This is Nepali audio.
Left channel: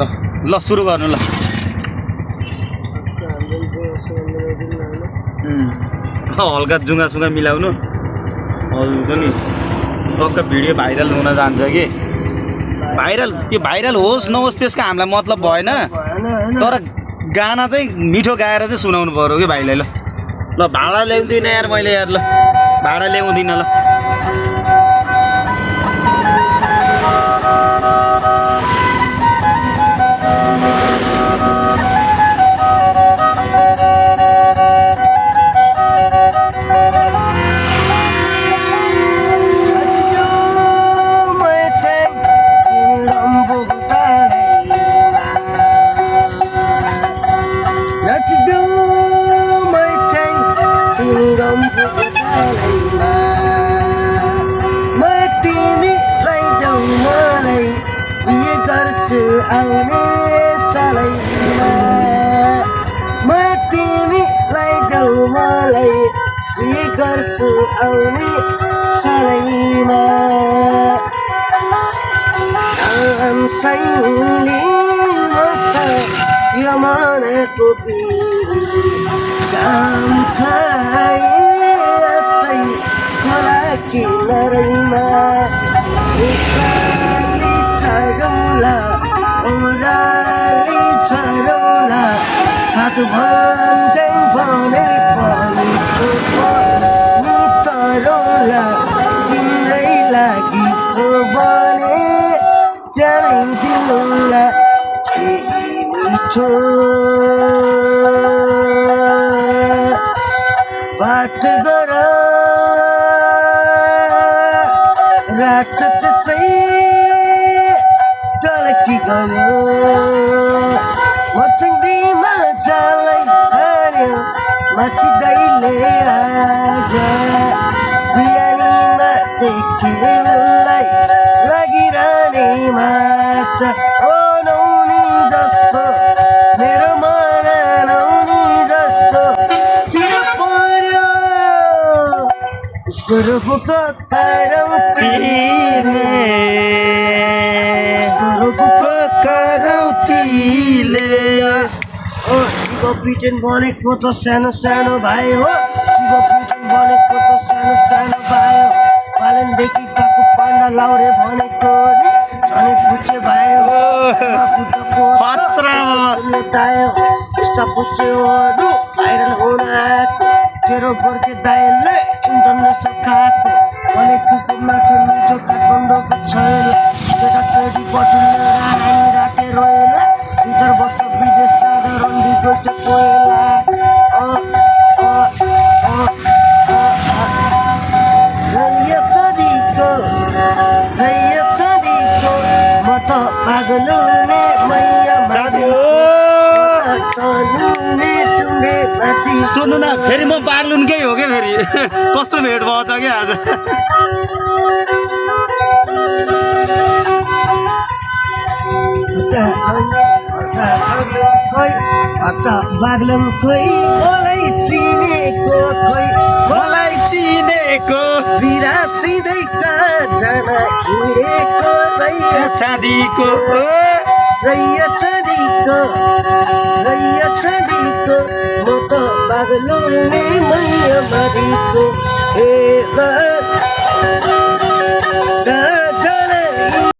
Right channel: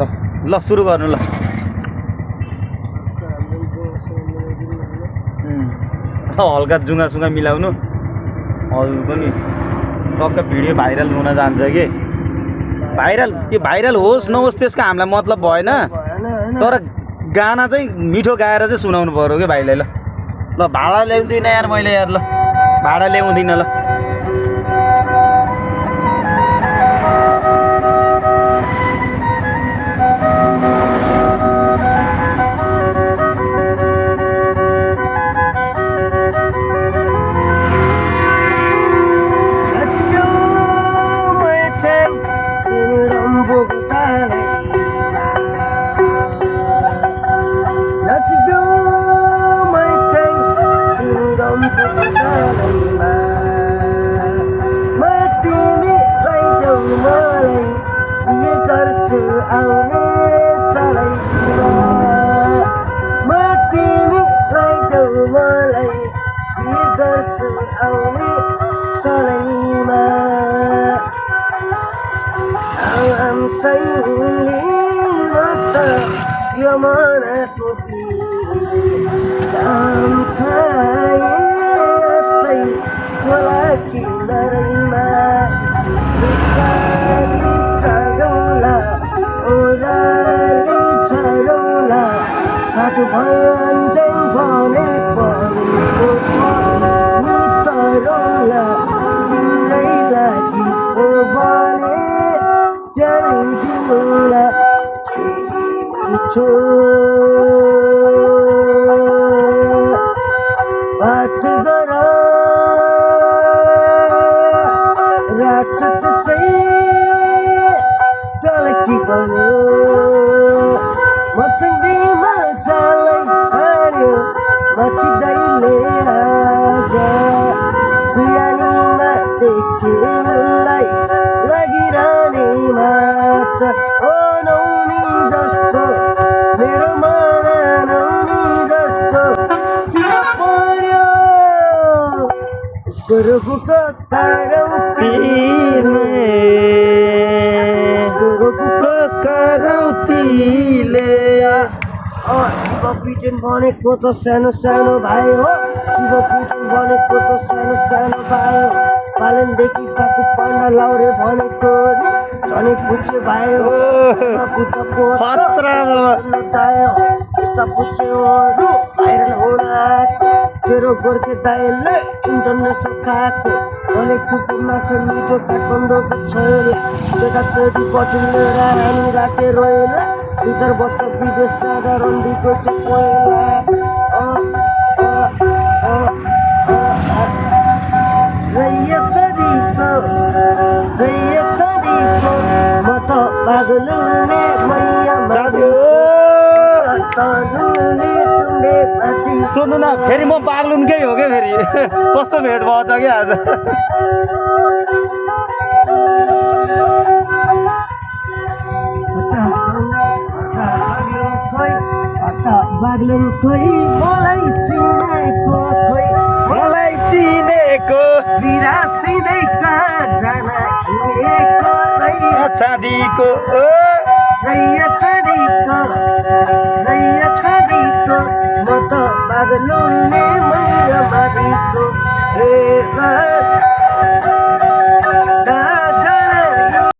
ल ल सुरु गर्नु ल हल्का जुङ्गा मिलाउनु हजुर पनि टक्क भिडियो भाइरल हुन जान्छ कि भाइरल त्यो भाइरल होस् नहोस् त्यसको हामीलाई मतलब भएन तर गाना चाहिँ मिठो गाएर चाहिँ सुनाउनु पर्यो कि भाइलाई ल ल भाडा ल्याउँदिनँ यार मैले यार ल भाडा ल्याउँदिनँ ल आउने सलैमा म तिमीलाई देऊ मलाई के गर्छु आउने सलैमा सैली म त यो मनको पिरले काम खाएसै होला किनारैमा उकाली चढौला ओराली चढौला साथ भन्दै भने भनेको तरौला तिमीलाई लागि हो भने च्याइदिउला मिठो बात गर रात त्यसै टल्की गयो मचङ्गीमा जालै हार्यो मचिँदैले आज बिहानीमा देखेलाई लागिरहने मात ओ नौनी जस्तो मेरो मन नौनी जस्तो चिया पर्यो यसको रूपको पिटन भनेको त सानो सानो भाइ हो शिव पिटन भनेको त सानो सानो भाइ हो पालनदेखि पाको पाण्डा लाउरे भनेको झनै पुच्छे भाइ हो यस्ता पुच्छेहरू भाइरल हुन आएको तेरो गोर्खे दाइले इन्टरनेसनल खाएको भनेको माछा मिठो काठमाडौँको छैन त्यता कोटी पठिलो हामी राते रोएला 2-4 वर्ष विदेश साधारण दिएको छ पहिला रैया चढीको म त पागल हुने मैया सुन्नु न फेरि म पागलुनकै हो क्या फेरि कस्तो भेट भएछ क्या आज बाग्लम खोइ मलाई चिनेको बिरासिँदै जान हिँडेको रैया चाँदीको म त बाग्लुने मैया मारीको